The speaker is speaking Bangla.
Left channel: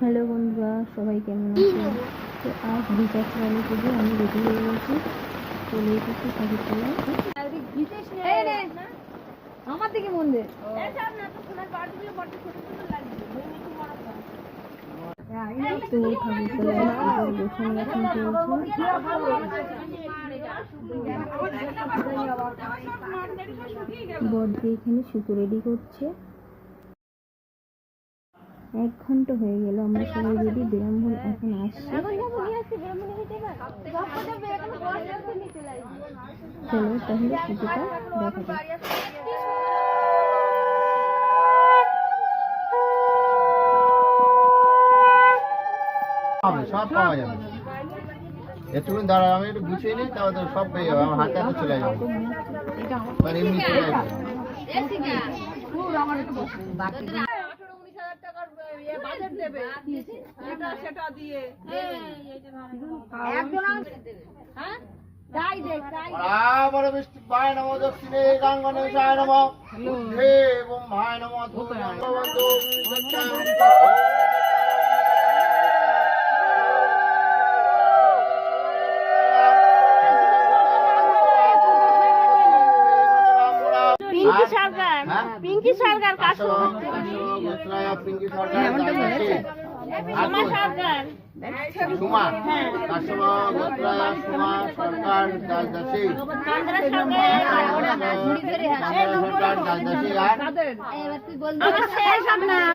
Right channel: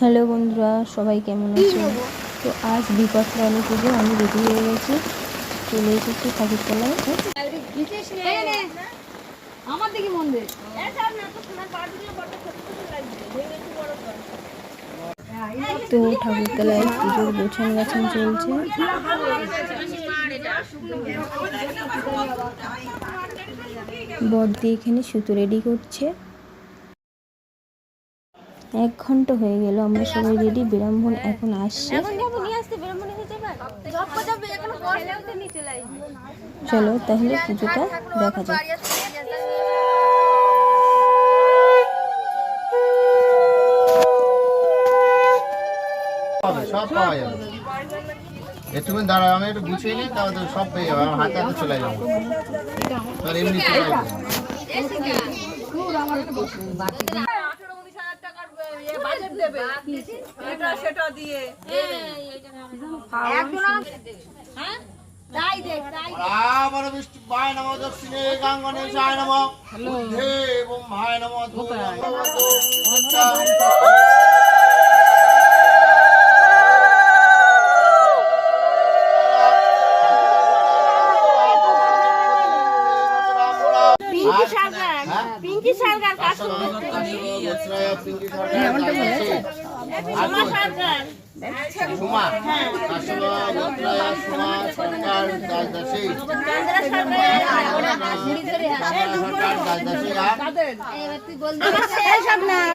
হ্যালো বন্ধুরা, সবাই কেমন আছে? তো আজ বিপত্রালী পুজো, আমি রেডি হয়ে গেছি, চলে এসেছি ঠাকুরতলায়। আমার দিকে মন দে। তো ঠাকুরতলায় পুজোর গোছান গাছান চলছে। বড়দি এখানে সুতো রেডি করছে। 1 ঘন্টা হয়ে গেল, আমরা সবাই রেডি। ব্রাহ্মণ এখন আসছে। চলো তাহলে পুজোটা দেখা যাক। সব পাওয়া যাবে, একটুখানি দাঁড়াও, আমি একটু গুছিয়ে নিই, তাহলে তো সব পেয়ে যাবে। আমার হাতে হাতে চলে যাবো, তাহলে এমনি চলে যাবে। ভাই নম দক্ষিণে গাঙ্গনে সায় নম বুদ্ধে ব্রহ্মায় নম পিঙ্কি সরকার পিঙ্কি সরকার সুমা সরকার দাসদাসী সরকার দাসদাসী আর